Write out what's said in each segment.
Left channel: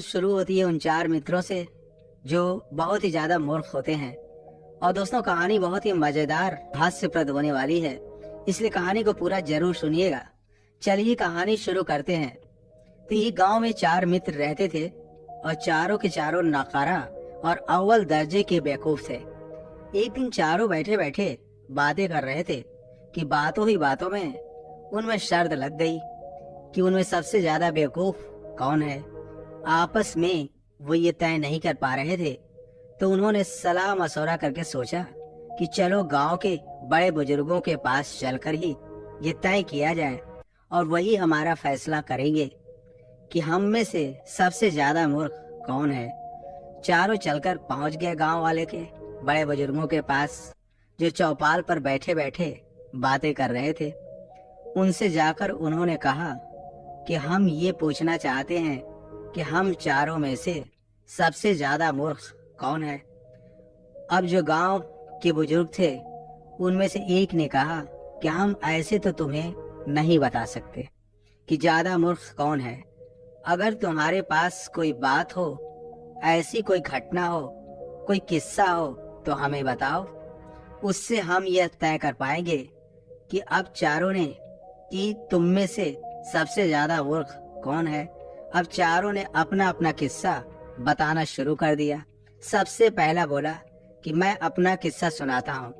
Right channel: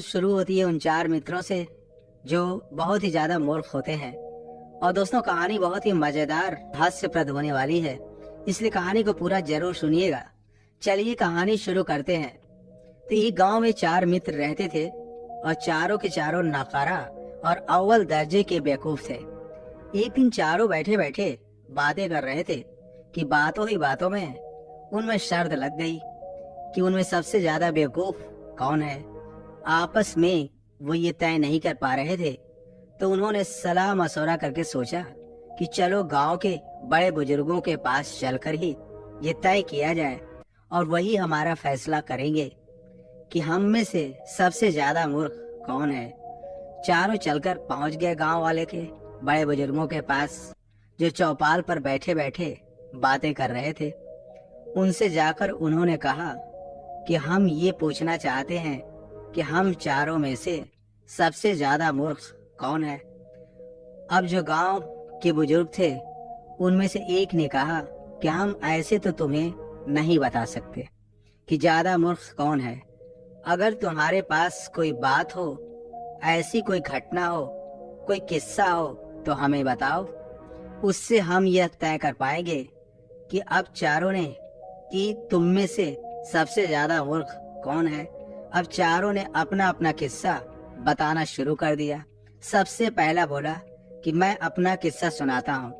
शुरू होती है उन चार मित्रों से जो बहुत ही ज्यादा मूर्ख होते हैं। और दोस्तों, कहानी बहुत ही मजेदार हास्यप्रद होने वाली है, इसलिए कहानी को पूरा जरूर सुनिएगा। चलिए कहानी शुरू करते हैं। तो एक गांव में चार मित्र रहते थे और चारों के चारों नाकारा और अव्वल दर्जे के बेवकूफ थे। एक दिन चारों बैठे बैठे बातें कर रहे थे कि बातों ही बातों में उनमें शर्त लग गई कि उनमें सबसे ज्यादा बेवकूफ कौन है। आपस में वो ये तय नहीं कर पा रहे थे, तो उन्होंने सलाह मशवरा करके सोचा कि चलो गांव के बड़े बुजुर्गों के पास चलकर ही ये तय किया जाए और वही हमारा फैसला करेंगे कि हम में से सबसे ज्यादा मूर्ख कौन है। चारों चलकर पहुंच गए गांव वाले के बड़े बुजुर्गों के पास, जो चौपाल पर बैठे बैठे बातें कर रहे थे। उनसे जाकर उन्होंने कहा कि हम ये पूछना चाहते हैं कि हम चारों में से सबसे ज्यादा मूर्ख कौन है। अब जो गांव के बुजुर्ग थे उनमें से एक ने कहा कि हम ऐसे तो तुम्हें नहीं बता सकते कि ज्यादा मूर्ख कौन है। अगर तुम्हारे पास कोई बात हो, ऐसी कोई घटना हो, कोई किस्सा हो तो हमें बताओ, उससे हम यह तय कर पाएंगे कि अब चारों ने कि तुम में से सबसे ज्यादा मूर्ख कौन है। अब चारों ने अपना अपना किस्सा बताना शुरू कर दिया। सबसे पहला बोला कि मैं अपना किस्सा सुनाता हूँ।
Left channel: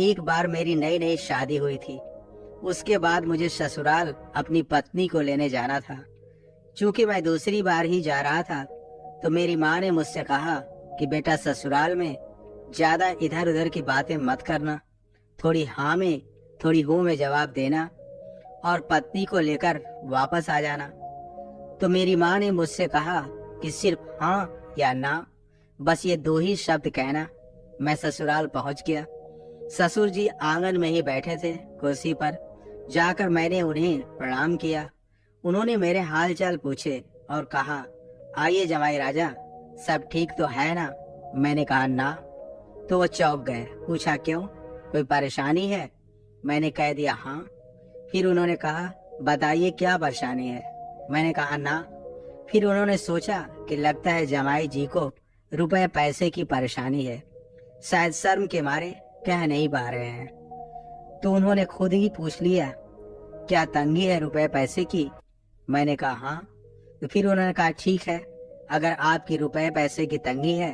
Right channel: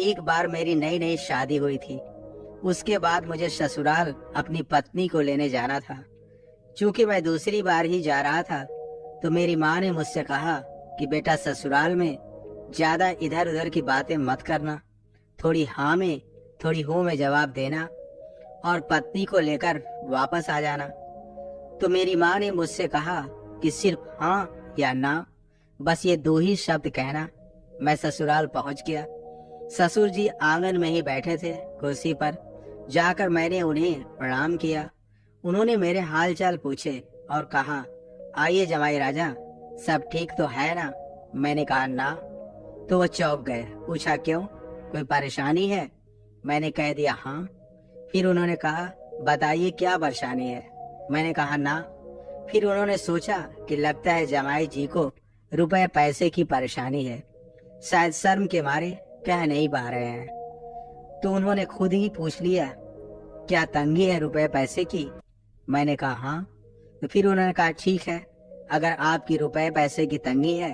एक बार मेरी नई नई शादी हुई थी। उसके बाद मुझे ससुराल अपनी पत्नी को लेने जाना था। चूंकि मैं दूसरी बार ही जा रहा था, तो मेरी माँ ने मुझसे कहा कि बेटा, ससुराल में ज्यादा इधर उधर की बातें मत करना, थोड़ी हाँ में थोड़ी हो में जवाब देना और पत्नी को लेकर वापस आ जाना। तो मेरी माँ ने मुझसे कहा कि सिर्फ हाँ या ना, बस ये दो ही शब्द कहना। मैं ससुराल पहुंच गया। ससुर जी आंगन में ही बैठे थे कुर्सी पर। जाकर मैंने उन्हें प्रणाम किया। उन्होंने मेरे हाल चाल पूछे और कहा, आइए जमाई राजा, सब ठीक तो है ना। मैंने कहा ना। तो वो चौंक गए। पूछा क्यों, कोई परेशानी है? मैंने कह दिया हाँ। फिर उन्होंने कहा, बताइए क्या परेशानी है? मैंने कहा ना। फिर उन्होंने सोचा कि लगता है जमाई जी को रुपए पैसे की परेशानी है, शायद शर्म के मारे कह नहीं पा रहे हैं। तो उन्होंने खुद ही पूछ लिया, क्या तंगी है रुपए पैसे की? मैंने कहा हाँ। तो फिर उन्होंने कहा, ठीक है, अगर आपकी रुपए पैसे की तंगी है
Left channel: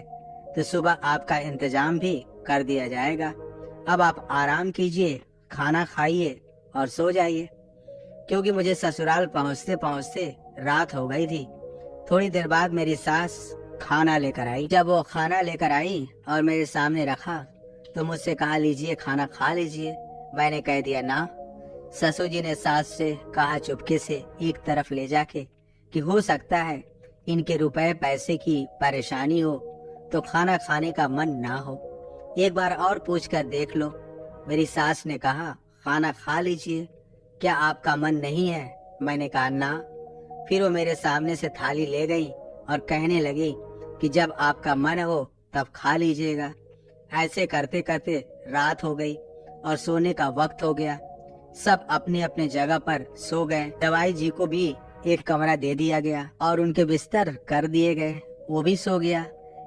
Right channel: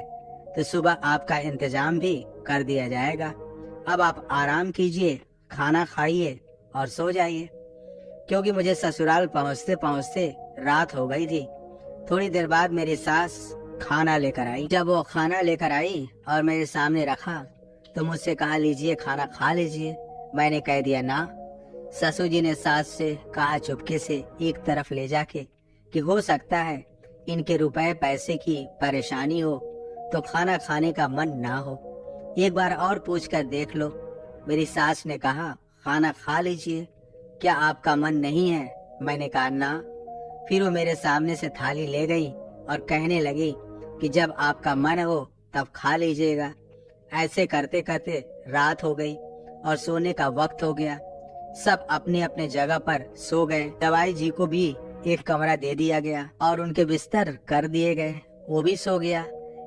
तो सुबह आपका इंतजाम भी कर दिया जाएगा। अब आप आराम कीजिए, खाना खाइए और सो जाइए। क्योंकि मुझे ससुराल पहुंचते पहुंचते रात हो गई थी। थोड़ी देर बाद मेरी सास खाना लेकर आई। जब वो खाना लेकर आई और मेरे सामने रखा तो मुझसे कहा, लीजिए खाना खा लीजिए। मैंने कह दिया ना। ससुर जी ने सास से कहा चुपके से एक तरफ ले जाके कि हो सकता है इनके रुपए पैसे की परेशानी हो तो खाना खाने का मन ना हो, एक बार और पूछ कर देख लो। मेरी सास ने कहा, खाना खा लीजिए, क्या आपका मन नहीं है? मैंने कहा ना। फिर वो मेरे सामने से थाली ले गई और कहने लगी कि जब आपका मन हो तब खा लीजिएगा। ऐसे करते करते रात हो गई और सोने का वक्त हो गया। सब अपने अपने जगह पर सो गए। दवाई जी को भी एक कमरा दे दिया गया और उनके बिस्तर कर दिए गए। वो भी सो गया,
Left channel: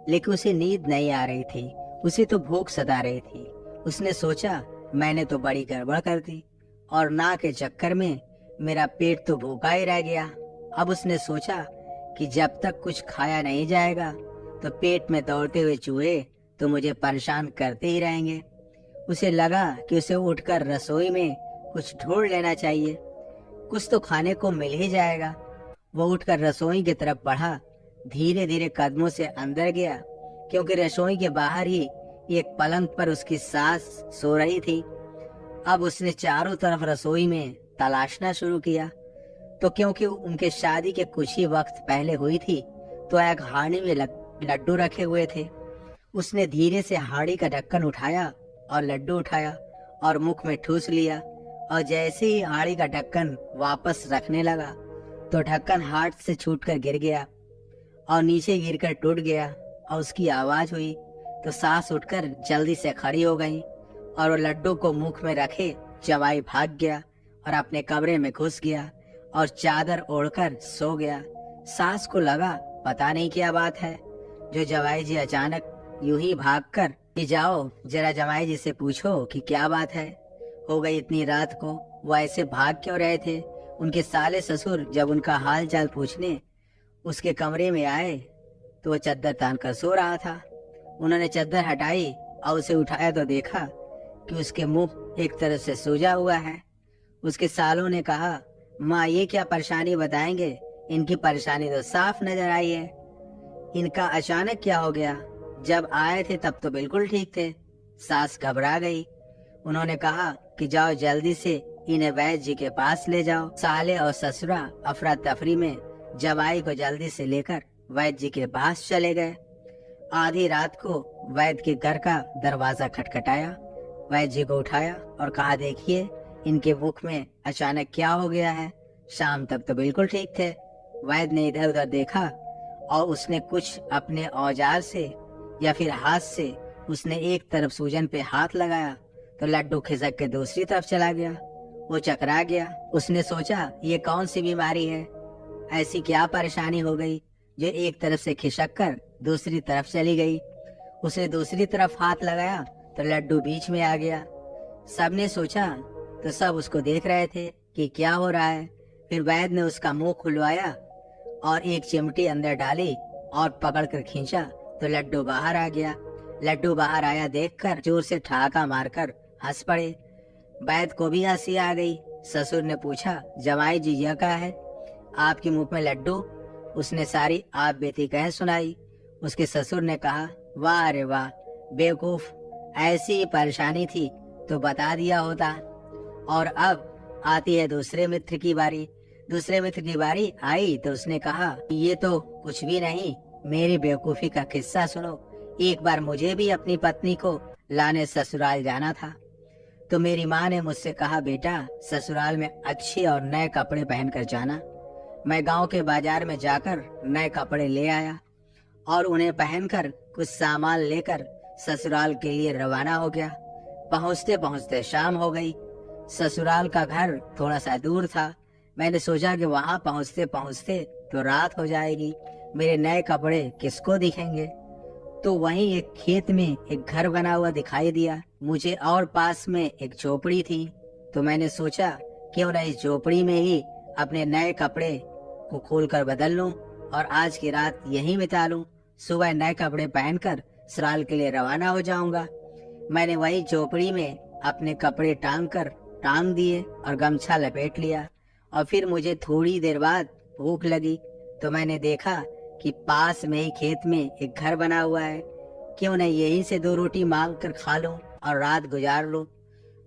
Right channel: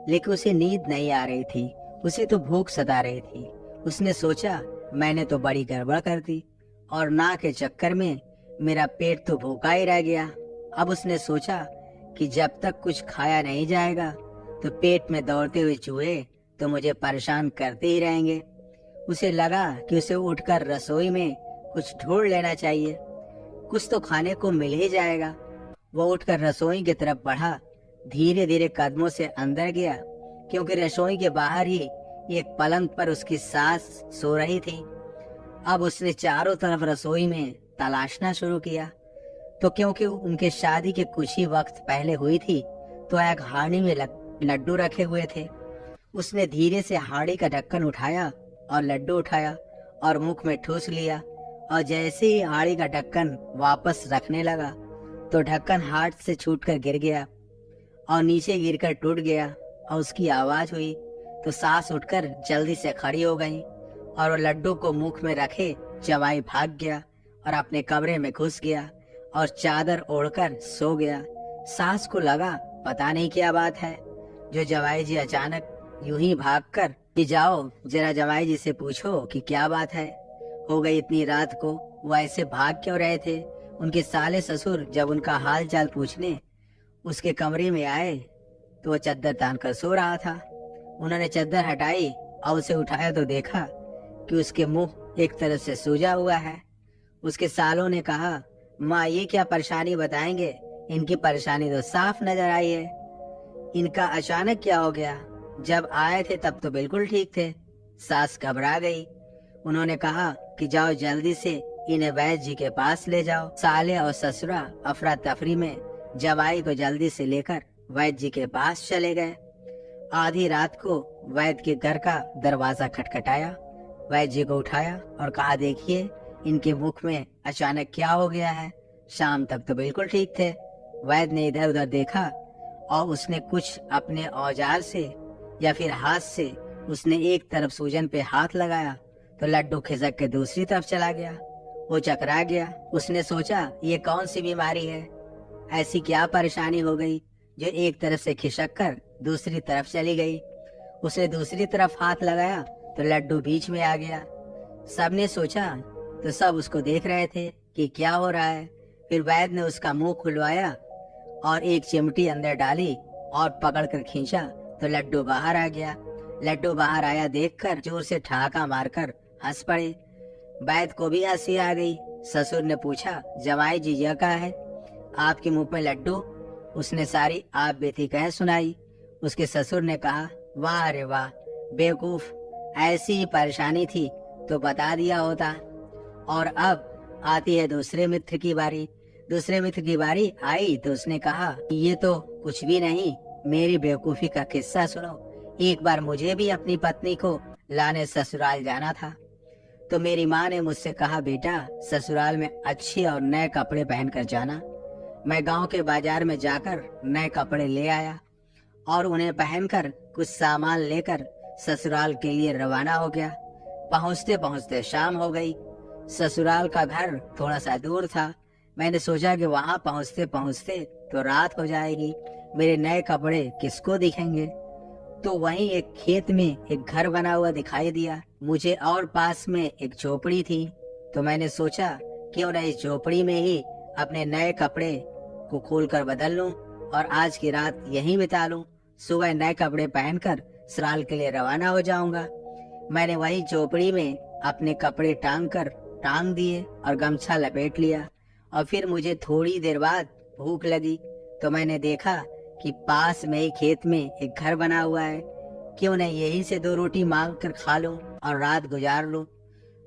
लेकिन उसे नींद नहीं आ रही थी। उसे तो भूख सता रही थी। उसने सोचा, मैंने तो बड़ी गड़बड़ कर दी और ना के चक्कर में मेरा पेट तो भूखा ही रह गया। अब उसने सोचा कि जब तक कुछ खाया नहीं जाएगा तो पेट में दौड़ते हुए चूहे तो मुझे परेशान करते ही रहेंगे। उसे लगा कि उसे उठकर रसोई में कुछ ढूंढ लेना चाहिए, कुछ तो खाने को मिल ही जाएगा। वो उठकर रसोई की तरफ बढ़ा। धीरे धीरे कदमों से अंदर गया, क्योंकि रसोई के बाहर ही एक पलंग पर उसकी सास सो रही थी। अब उसने चारों तरफ रसोई में तलाशना शुरू किया, तो क्योंकि उनके शादी के कुछ ही वक्त पहले हुई थी, तो एक हांडी में लड्डू रखे हुए थे। उसने धीरे से हांडी का ढक्कन उठाया और लड्डू उठाया और मुख में ठूस लिया। और जैसे ही हांडी का ढक्कन वापस रखने लगा तो ढक्कन हाथ से छूटकर गिर गया और नीचे गिरकर टूट गया और उसकी आवाज हुई। तो सास उठकर जल्दी से खड़ी हो गई और वो लड्डू को मुख में रखे जवाई भाग गया और अपने कमरे में घुस गया और चादर ओढ़कर सो गया। सास को लगा पता नहीं क्या बात है, जो जवाई जी अचानक यूं ही भागकर कि जाओ जरा जवाई जी से पूछो कि क्या बात है, हो गई इतनी रात को वो ऐसे भाग क्यों रहे थे। उनके साले ससुर जब उनका हाल चाल पूछने उसके कमरे में आए तो वह चद्दर तान कर सो रहा था। उन्होंने चद्दर हटाई और उसे उठाया तो देखा कि उसके मुंह एक तरफ से सूजा हुआ है। उसके सालों ने कहा, माँ ये क्या परेशानी बताएंगे, इनकी परेशानी तो साफ नजर आई है। इनका अचानक क्या हो गया, जब आए थे तब तो बिल्कुल ठीक थे। सास घबरा गई। उन्होंने कहा कि जाओ जल्दी से इन्हें वैद्य जी के पास ले जाओ। साले और ससुरा अफरा तफरी में जमाई को जल्दी से लेकर वैद्य जी के पास चले गए। आधी रात को वैद्य के घर का दरवाजा खटखटाया। वैद्य जी को उठाया और कहा, देखिए इनके मुख में अचानक क्या हो गया है, शाम तक तो बिल्कुल ठीक थे। वैद्य ने इधर उधर देखा और उसने कुछ अपने औजार से या फिर हाथ से उसने एक तरफ सूजन पे हाथ लगाया तो लड्डू खिसक के दूसरी तरफ चला गया। वो चकरा गया। उसने सोचा ये कौन सी बीमारी है, ऐसी क्या परेशानी हो गई जो एक तरफ से खिसक कर दूसरी तरफ चली गई। उसने दूसरी तरफ हाथ लगाया तो लड्डू बीच में आ गया। सबने सोचा तो सब उसको देख रहे थे कि क्या हो रहा है। फिर वैद्य ने उसका मुंह खुलवाया और एक चिमटी अंदर डाली और पकड़कर खींचा तो लड्डू बाहर आ गया। लड्डू बाहर आया देखकर जोर से ठहाका मारकर हंस पड़े। वैद्य को भी हंसी आ गई। ससुर ने पूछा, जमाई जी यह क्या है, आपके मुंह में लड्डू। उसने सारी आप बेटी कह सुनाई। उसके ससुर ने कहा, वाह रे वाह बेवकूफ, ऐसी ही परेशानी थी तो बता दिया होता। और अब आती है दूसरे मित्र की बारी। दूसरे मित्र की बारी आई तो उसने कहा, ये तो कुछ भी नहीं, मेरी बेवकूफी का किस्सा सुनो। एक बार मुझे भी अपनी पत्नी को लाने ससुराल जाना था तो मेरी माँ ने मुझसे कहा, बेटा ससुराल में अच्छे और नए कपड़े पहनकर जाना। मैं गांव के बाजार में जाकर नए कपड़े ले आया और उन्हें पहनकर कुछ सामान लेकर ससुराल के लिए रवाना हो गया। पहुँचते पहुँचते शाम हो गई। ससुराल का घर थोड़ा सा दूर था। मैंने सोचा कि वहाँ पहुँचते पहुँचते तो रात हो जाएगी, मेरे नए कपड़े किसको दिखेंगे। तो वहीं एक खेत में एक घर बना हुआ दिखाई दिया मुझे और पास में एक झोपड़ी थी। तो मैंने सोचा क्यों न इस झोपड़ी में ही अपने नए कपड़े को खोलकर बदल लूं और आज की रात यहीं बिता लूं। सुबह नए कपड़े पहनकर ससुराल के लिए रवाना हो जाऊंगा। मैंने वही झोपड़ी में अपने कपड़े टांग दिए और गमछा लपेट लिया। और फिर मुझे थोड़ी देर बाद भूख लगी तो मैंने देखा कि पास में ही खेत में एक घर बना हुआ है, क्यों न यहीं से 2 रोटी मांग कर खा लूं और रात गुजार लूं।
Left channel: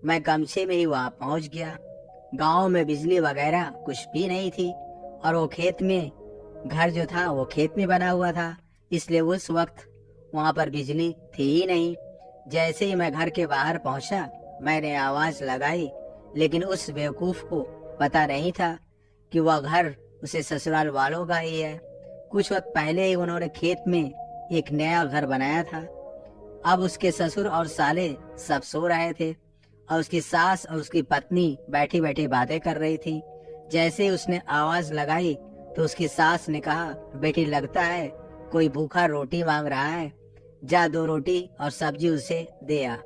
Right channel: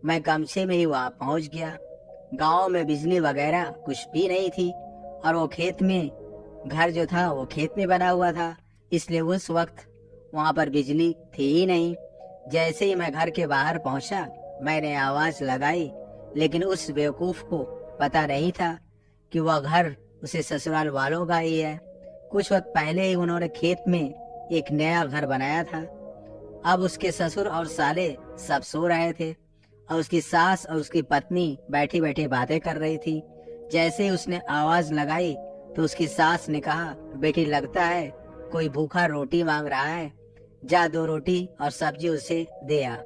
मैं गमछे में ही वहाँ पहुँच गया। गांव में बिजली वगैरह कुछ भी नहीं थी और वो खेत में घर जो था वो खेत में बना हुआ था, इसलिए उस वक्त वहाँ पर बिजली थी ही नहीं। जैसे ही मैं घर के बाहर पहुंचा मैंने आवाज लगाई, लेकिन उस बेवकूफ को पता नहीं था कि वह घर उसे ससुराल वालों का ही है। कुछ वक्त पहले ही उन्होंने खेत में एक नया घर बनाया था। अब उसके ससुर और साले सब सो रहे थे और उसकी सास और उसकी पत्नी बैठे बैठे बातें कर रही थी। जैसे ही उसने आवाज लगाई तो उसकी सास ने कहा, बेटी लगता है कोई भूखा रोटी मांग रहा है, जा 2 रोटी और सब्जी उसे दे आ।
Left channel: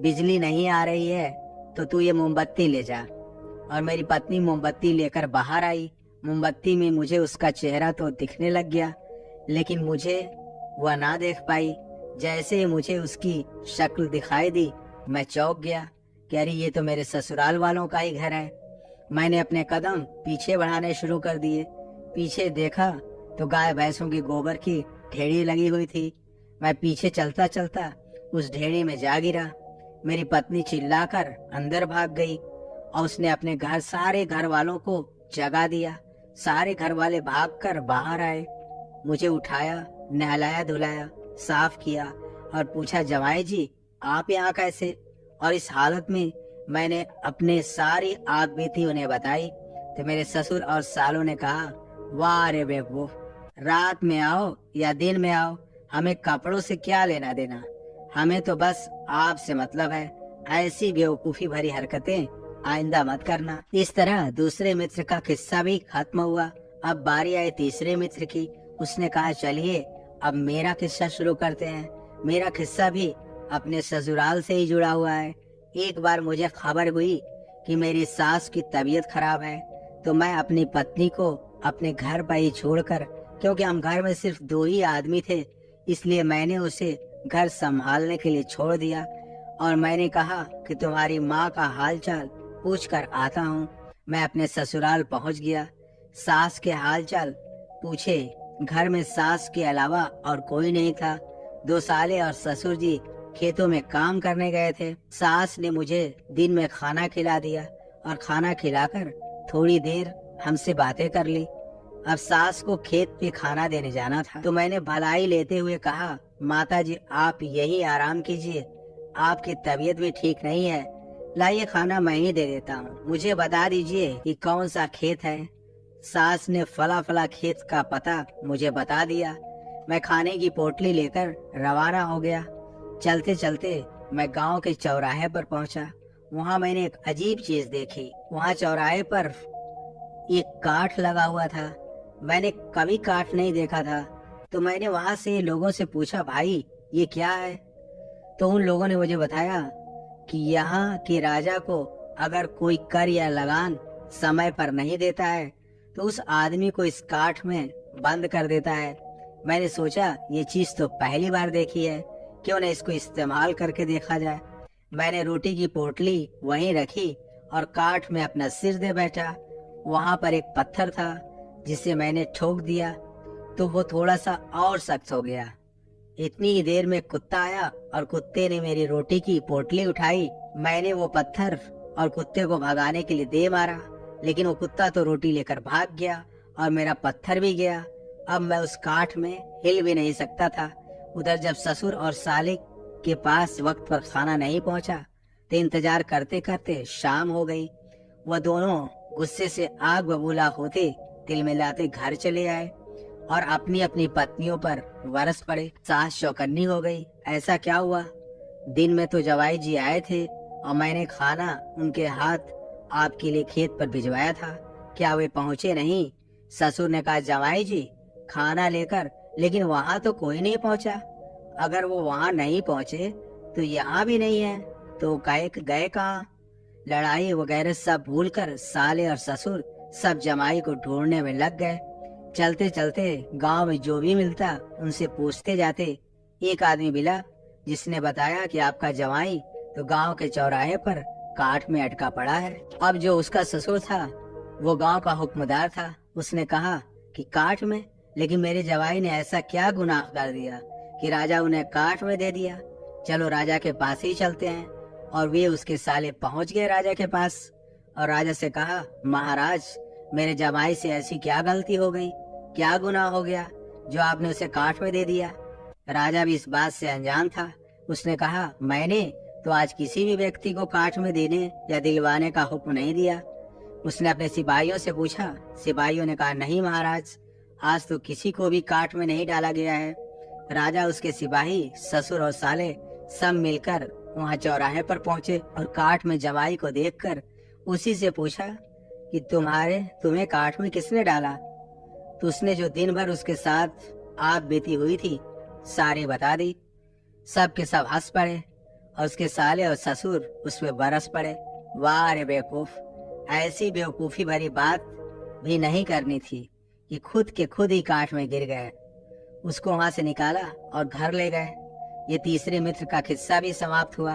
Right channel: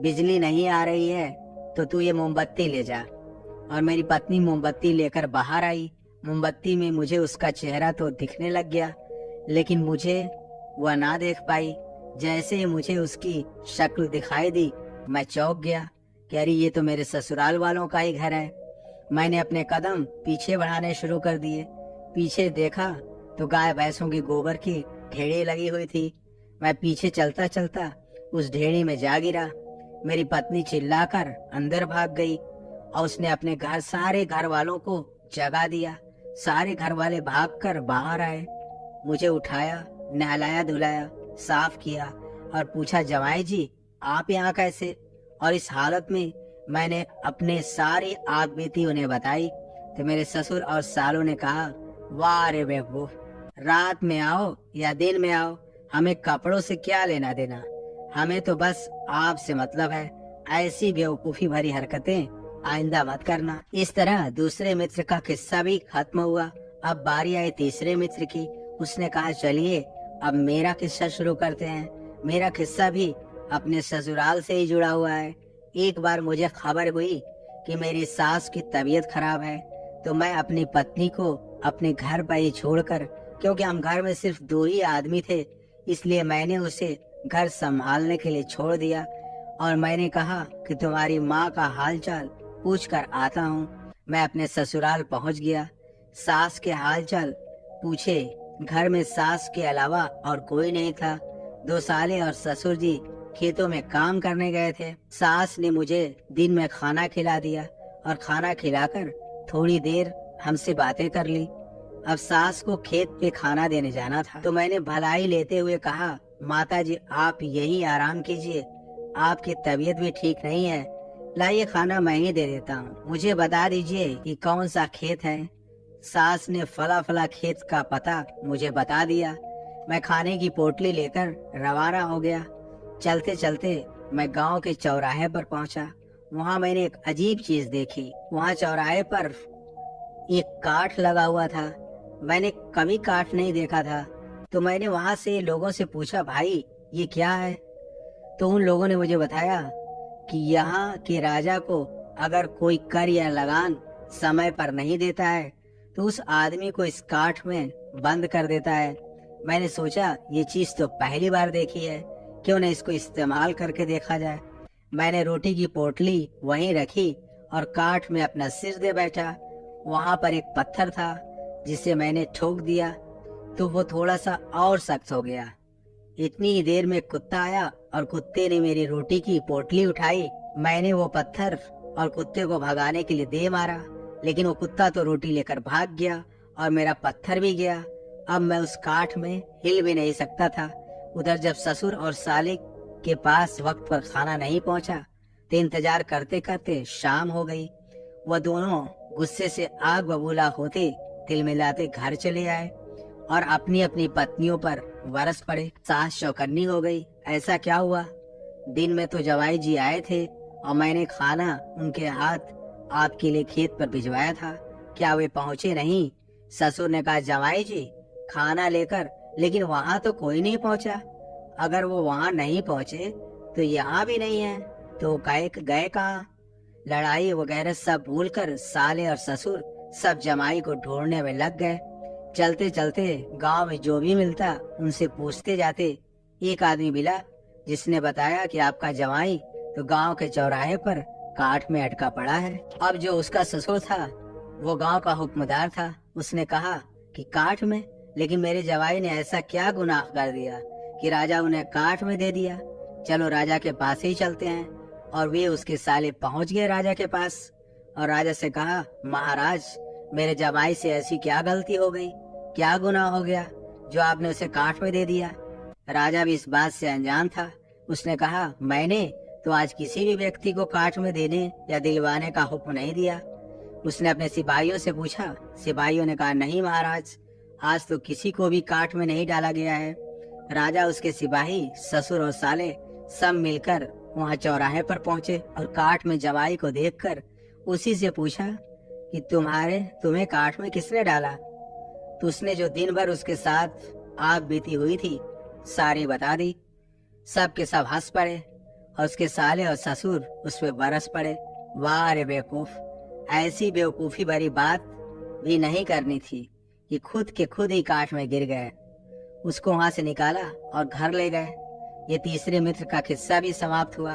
बिजली नहीं आ रही है तो तू ये मोमबत्ती ले जा। और मेरी पत्नी मोमबत्ती लेकर बाहर आई। मोमबत्ती में मुझे उसका चेहरा तो दिखने लग गया, लेकिन मुझे वह ना देख पाई। जैसे मुझे उसकी शक्ल दिखाई दी मैं चौंक गया कि अरे ये तो मेरे ससुराल वालों का ही घर है। मैंने अपने कदम पीछे बढ़ाने शुरू कर दिए। पीछे देखा तो गाय भैंसों की गोबर की ढेरी लगी हुई थी। मैं पीछे चलता चलता उस ढेरी में जा गिरा। मेरी पत्नी चिल्लाकर अंदर भाग गई और उसने अपने सारे घर वालों को जगा दिया। सारे घर वाले भागकर बाहर आए, मुझे उठाया, नहलाया धुलाया, साफ किया और पूछा, जमाई जी आप यहाँ कैसे। और इस हालत में मैंने अपने सारी आग बीती उन्हें बताई तो मेरे ससुर और सालों ने कहा, वाह रे बेवकूफ, रात में आओ या दिन में आओ, हमें कपड़ों से क्या लेना देना, हमें तो बस आपसे मतलब है। ऐसी बेवकूफी भरी हरकतें आइंदा मत करना। इस तरह दूसरे मित्र का किस्सा भी खत्म हुआ। अब बारी आई तीसरे मित्र की। उसने कहा चलिए अब मेरा किस्सा शुरू करते हैं। मेरा किस्सा भी अपने ससुराल से ही जुड़ा हुआ है। एक बार मुझे खबर हुई कि मेरी सास की तबीयत खराब है, तो मैं अपनी पत्नी को अपने घर पर ही छोड़कर, क्योंकि हम घर में सिर्फ 2 ही आदमी थे, इसलिए मैंने उसे घर संभालने के लिए छोड़ दिया और मैंने कहा कि तुम्हारी माँ का हालचाल पूछ कर आता हूँ। मैं अपने ससुराल पहुँच गया। सास के हालचाल पूछे। घर में सास के अलावा और कोई नहीं था। 2 साले और ससुर जी खेतों में काम करने गए थे। सास ने मुझे दिन में खाना खिला दिया और खाना खिलाकर थोड़ी देर हमसे बातें कर ली। अब सास को खेत पे खाना देने जाना था, तो मैंने भलाई लेते हुए कहा, माताजी आप यही आराम कीजिए, आपकी तबीयत भी ठीक नहीं है, लाइए खाना मैं ही दे देता हूँ। मुझे बता दीजिए कि कौन सा खेत है। सास ने फला फला खेत का पता मुझे बता दिया। मैं खाने की पोटली लेकर रवाना हो गया। चलते चलते मैं गांव के चौराहे पर पहुंचा। वहां मैंने एक अजीब चीज देखी। वहां चौराहे पर एक काठ लगा हुआ था। मैंने कभी काठ नहीं देखा था, तो मैंने वहां से लोगों से पूछा, भाई ये क्या है? तो उन लोगों ने मुझे बताया कि यहाँ के राजा को अगर कोई कर या लगान समय पर नहीं देता है तो उस आदमी को इस काठ में बंद कर देता है। मैंने सोचा ये चीज तो पहली बार देखी है, क्यों न इसको इस्तेमाल करके देखा जाए। मैंने रोटी की पोटली वहीं रखी और काठ में अपना सिर दे बैठा। वहां पर एक पत्थर था जिसे मैंने ठोक दिया तो वो थोड़ा सा और सख्त हो गया। इतनी ही देर में कुत्ता आया और कुत्ते ने मेरी रोटी की पोटली उठाई। मैंने वो पत्थर और कुत्ते को भगाने के लिए दे मारा, लेकिन वो कुत्ता तो रोटी लेकर भाग गया और मेरा पत्थर भी गया। अब मैं उस काठ में हिल भी नहीं सकता था। उधर जब ससुर और साले के पास वक्त पर खाना नहीं पहुंचा तो इंतजार करते करते शाम हो गई। वह दोनों गुस्से से आग बबूला होते तिलमिलाते घर चले आए और अपनी अपनी पत्नियों पर बरस पड़े। सास चौकन्नी हो गई। ऐसा क्या हुआ? दिन में तो जवाई जी आए थे और मैंने खाना उनके हाथ आपके लिए खेत पर भिजवाया था, क्या वे पहुँचे नहीं? ससुर ने कहा, जवाई जी खाना लेकर, लेकिन वहाँ तो कोई नहीं पहुँचा। अगर वो वहाँ नहीं पहुँचे तो यहाँ भी नहीं है, तो गए कहाँ? लड़ाई वगैरह सब भूलकर साले और ससुर सब जमाई को ढूंढने में लग गए। चलते चलते गांव में जो भी मिलता उनसे पूछते जाते। एक आदमी मिला जिसने बताया कि आपका जमाई तो गांव के चौराहे पर काठ में अटका पड़ा है। अब जो उसका ससुर था वो गांव का हुक्मदार था। उसने कहा कि काठ में? लेकिन मेरे जवाई ने ऐसा क्या गुनाह कर दिया कि राजा उन्हें काठ में दे दिया? चलो राजा के पास ही चलते हैं। और वे उसके साले पहुंच गए राजा के पास और राजा से कहा, महाराज मेरे जमाई से ऐसी क्या गलती हो गई, क्या गुनाह हो गया जो आपने उसे काठ में दे दिया? राजा भी इस बात से अनजान था। उसने कहा, मैंने तो आज किसी भी व्यक्ति को काठ में देने या दिलवाने का हुक्म नहीं दिया। उसने अपने सिपाहियों से पूछा। सिपाहियों ने कहा, नहीं महाराज, आज तो किसी को भी काठ में नहीं डाला गया है। राजा, उसके सिपाही, ससुर और साले सब मिलकर वहाँ चौराहे पर पहुँचे और काठ में जवाई को देखकर उसी से पूछा कि तुम्हें काठ में किसने डाला? तो उसने जो दिन भर उसके साथ आग बीती हुई थी सारी बता दी। सब के सब हंस पड़े और उसके साले और ससुर उस पे बरस पड़े। वाह रे बेवकूफ, ऐसी बेवकूफी भरी बात भी नहीं करनी थी कि खुद के खुद ही काठ में गिर गए। उसको वहां से निकाला और घर ले गए। ये तीसरे मित्र का किस्सा भी समाप्त हुआ।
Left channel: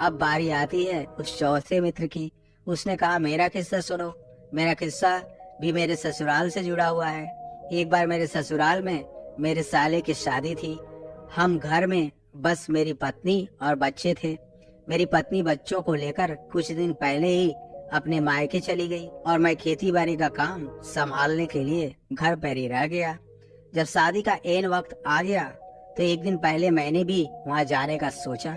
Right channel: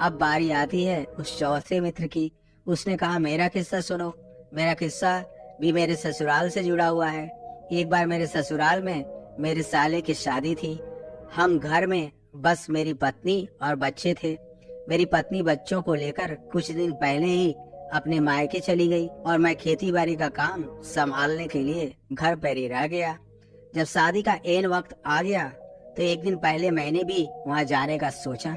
अब बारी आती है उस चौथे मित्र की। उसने कहा, मेरा किस्सा सुनो। मेरा किस्सा भी मेरे ससुराल से जुड़ा हुआ है। एक बार मेरे ससुराल में मेरे साले की शादी थी। हम घर में बस मेरी पत्नी और बच्चे थे। मेरी पत्नी बच्चों को लेकर कुछ दिन पहले ही अपने मायके चली गई और मैं खेती बाड़ी का काम संभालने के लिए घर पर ही रह गया। जब शादी का ऐन वक्त आ गया तो एक दिन पहले मैंने भी वहाँ जाने का सोचा।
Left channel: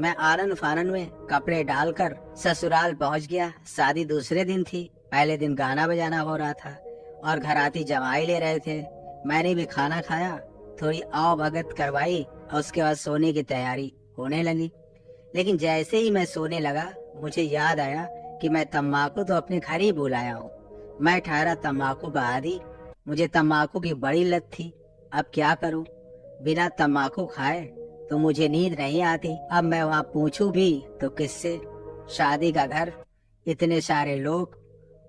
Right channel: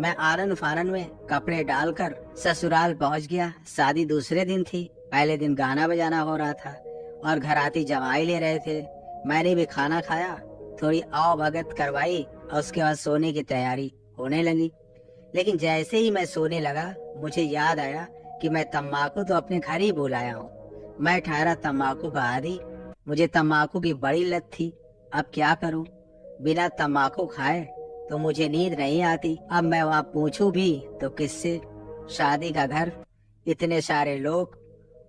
मैं आनन फानन में कपड़े डालकर ससुराल पहुँच गया। शादी दूसरे दिन थी। पहले दिन गाना बजाना हो रहा था और घर आती जमाई ले रहे थे। मैंने भी खाना खाया, थोड़ी आओ भगत करवाई और उसके बाद सोने की तैयारी होने लगी। लेकिन जैसे ही मैं सोने लगा मुझे याद आया कि मैं तम्बाकू तो अपने घर ही भूल आया हूँ। मैं ठहरा तम्बाकू का आदी। मुझे तम्बाकू की बड़ी लत थी। अब क्या करूं? बिना तम्बाकू खाए तो मुझे नींद नहीं आती। अब मैं वहाँ पूछूं भी तो किससे? शादी का घर, इतने सारे लोग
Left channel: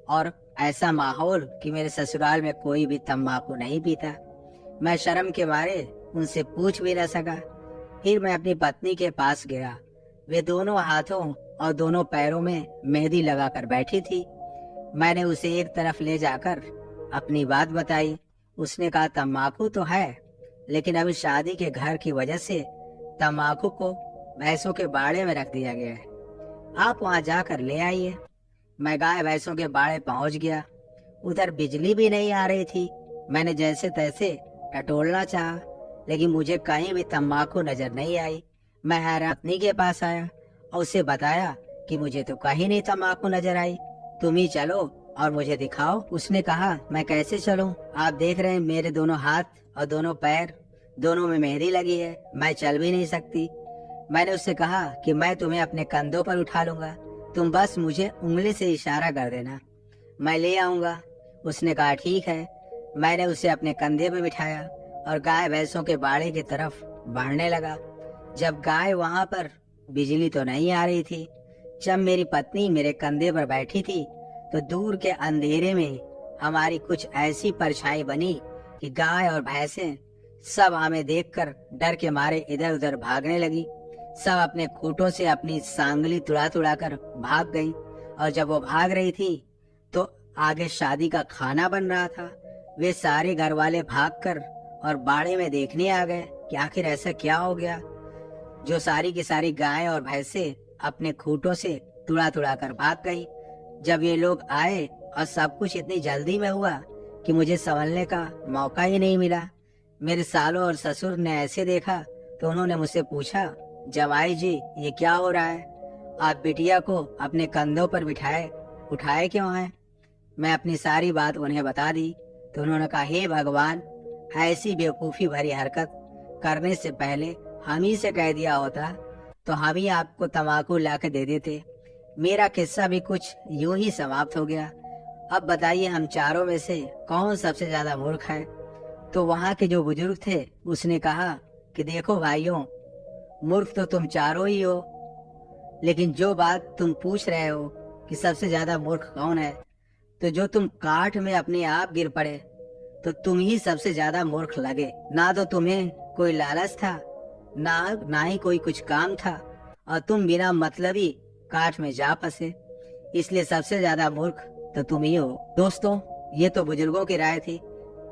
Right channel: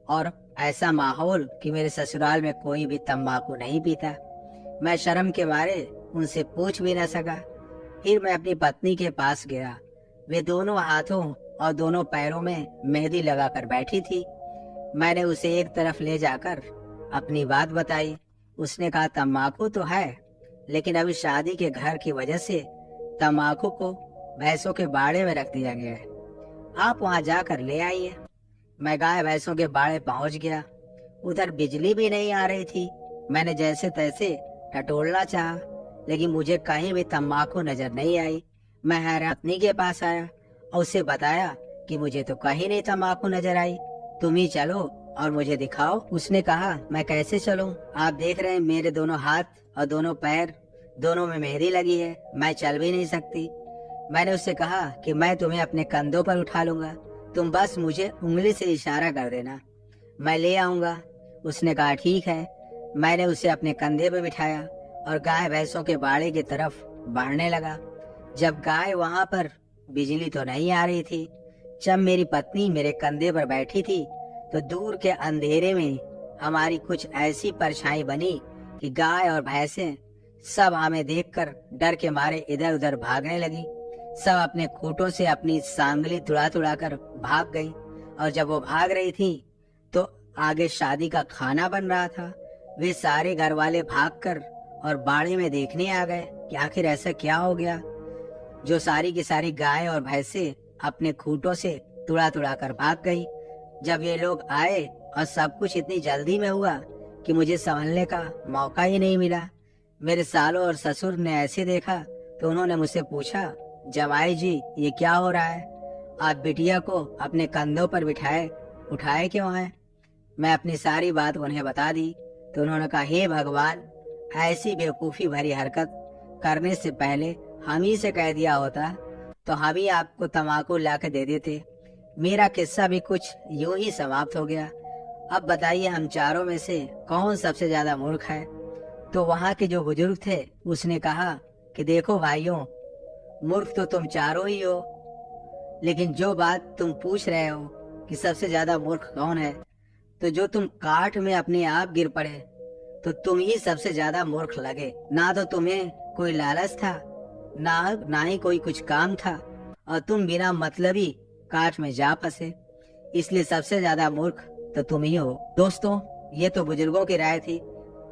और ऐसा माहौल कि मेरे ससुराल में कोई भी तम्बाकू नहीं पीता। मैं शर्म के मारे उनसे पूछ भी न सका। फिर मैं अपनी पत्नी के पास गया। वे दोनों हाथों और दोनों पैरों में मेहंदी लगाकर बैठी थी। मैंने उसे एक तरफ ले जाकर अपनी बात बताई। उसने कहा, तम्बाकू तो है, लेकिन अभी शादी के घर की वजह से तम्बाकू को भैंसों के बाड़े में रख दिया गया है। आप वहां जाकर ले आइए। मैं गाय भैंसों के बाड़े पहुंच गया। उधर बिजली भी नहीं आ रही थी। मैंने जैसे तैसे टटोलना चाहा, लेकिन मुझे कहीं भी तम्बाकू नजर नहीं आई। मैं हैरानी के पास आया और उसे बताया कि मुझे तो कहीं नहीं तम्बाकू नजर आई। तुम ही चलो और मुझे दिखाओ। उसने कहा, मैं कैसे चलूं? आप देख रहे हैं मेरे दोनों हाथ और दोनों पैर, दोनों में मेहंदी लगी है। मैं चल भी नहीं सकती। मैंने उससे कहा कि मैं तुम्हें अपने कंधों पर उठा लूंगा, तुम बस मुझे उंगली से इशारा कर देना, मैं ले आऊंगा। उसने कहा, ठीक है। मैंने उसे अपने कंधे पे बिठाया और गाय भैंसों के बाड़े की तरफ बढ़ने लगा। जब गाय वहां पर, बिजली तो नहीं आ रही थी। जब मेरी पत्नी मेरे कंधे पर बैठी थी तो दूर के अंधेरे में हमारी कुछ ऐसी परछाई बनी कि गाय और भैंसें सब हमें देखकर डर के मारे इधर उधर भागने लगी। सब अपने खूंटों से अपनी सांगली तुड़ा तुड़ा कर भाग गई। और जब वो भाग रही थी तो आगे शादी का खाना बन रहा था। वे सारे घर वाले भागकर और बाड़े में देखने आ गए कि आखिर ऐसा क्या हो गया, जो सारी की सारी गाय और भैंसे अपने खूंटों से तुड़ा तुड़ा कर भाग गई। जब ये लोग आए और सब कुछ इतनी जल्दी में हुआ कि मुझे संभलने का मौका ही नहीं मिला। मेरे सालों और ससुर ने ऐसे देखा तो उन्होंने मुझसे पूछा, जमाई जी ये क्या हो रहा है? आप बिटिया को अपने कंधों पर बिठाए उठाए क्यों हैं? मैं अपनी सारी बात उन्हें बता दी तो उन्होंने कहा, हे भगवान, ऐसी बेवकूफी भरी हरकत करने से पहले हम ही से कह दिया होता तो हम ही आपको तम्बाकू ला के दे देते। मेरा किस्सा भी कुछ यूं ही समाप्त हो गया। अब बताइए, हम चारों में से कौन सबसे ज्यादा मूर्ख है? तो वहाँ के जो बुजुर्ग थे उसने कहा कि देखो भाइयों, मूर्ख तो तुम चारों ही हो, लेकिन जो बात तुम पूछ रहे हो कि सबसे ज्यादा मूर्ख कौन है, तो जो तुम काठ में अपने आप गिर पड़े तो तुम ही सबसे ज्यादा मूर्ख लगे। ना तो तुम्हें कोई लालच था, ना ही कोई कुछ काम था, और तुम बिना मतलबी काठ में जा फंसे। इसलिए सबसे ज्यादा मूर्ख तो तुम ही हो। दोस्तों, ये तो बुजुर्गों की राय थी।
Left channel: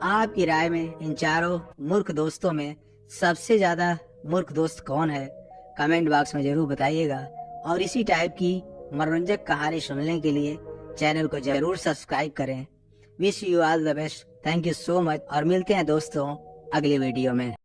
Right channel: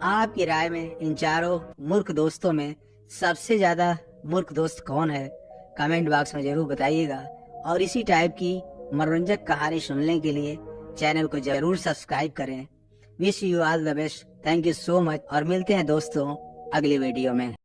आपकी राय में इन चारों मूर्ख दोस्तों में सबसे ज्यादा मूर्ख दोस्त कौन है? कमेंट बॉक्स में जरूर बताइएगा। और इसी टाइप की मनोरंजक कहानी सुनने के लिए चैनल को जरूर सब्सक्राइब करें। Wish you all the best. Thank you so much और मिलते हैं दोस्तों अगले वीडियो में।